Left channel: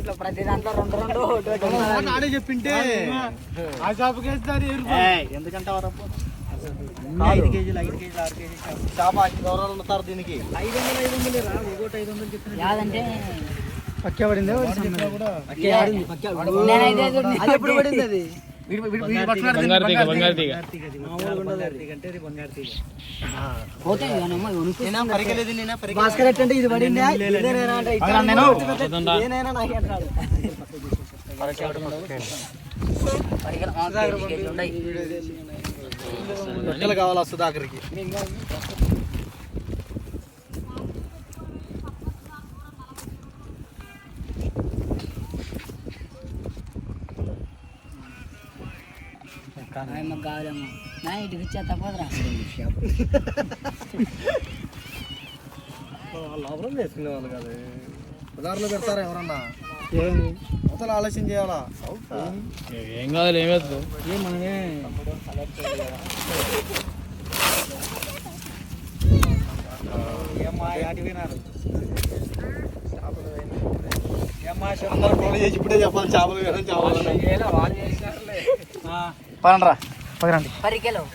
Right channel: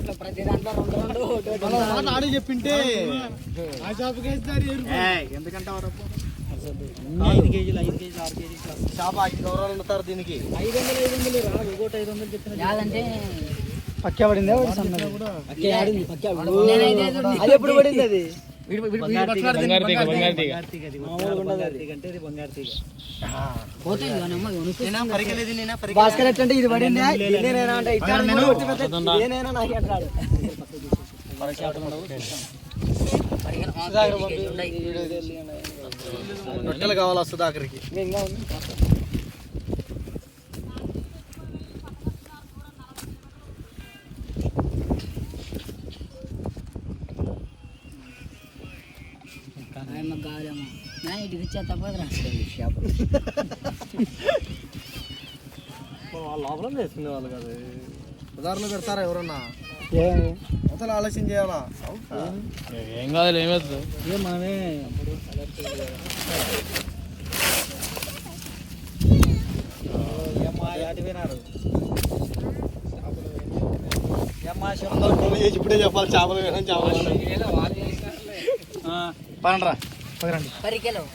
దాంట్లో ప్రతి దాంట్లో రెండు ఆడే చెప్పింటే ఆ షాప్కి ఎందుకంటే 5 కేజీలు 6 కేజీలు షాప్ 5 గౌరవాలు ఉంటారు దీనికి 500 రా ఒకటి 500 చెప్తున్నా యాదంటే పక్కే పడింది ఎప్పుడు పడింది అది భాస్కర్ అంటే ఇది పడింది కావాలా సుధాకర్కి కావాలమ్మా ఇటు ఇచ్చా తప్పదురా లోపల వేసుకునే వాళ్ళు కాదు ఉదాహరణలో పెడతారా ఎవరన్నా అసలు ఆలోచన చేయాలా ఏం కాదు ఏమవుతుంది మనమే ఇప్పుడే చెప్పాలి చేపలు వేయడం చేపలు పండ్రా 10 కిలో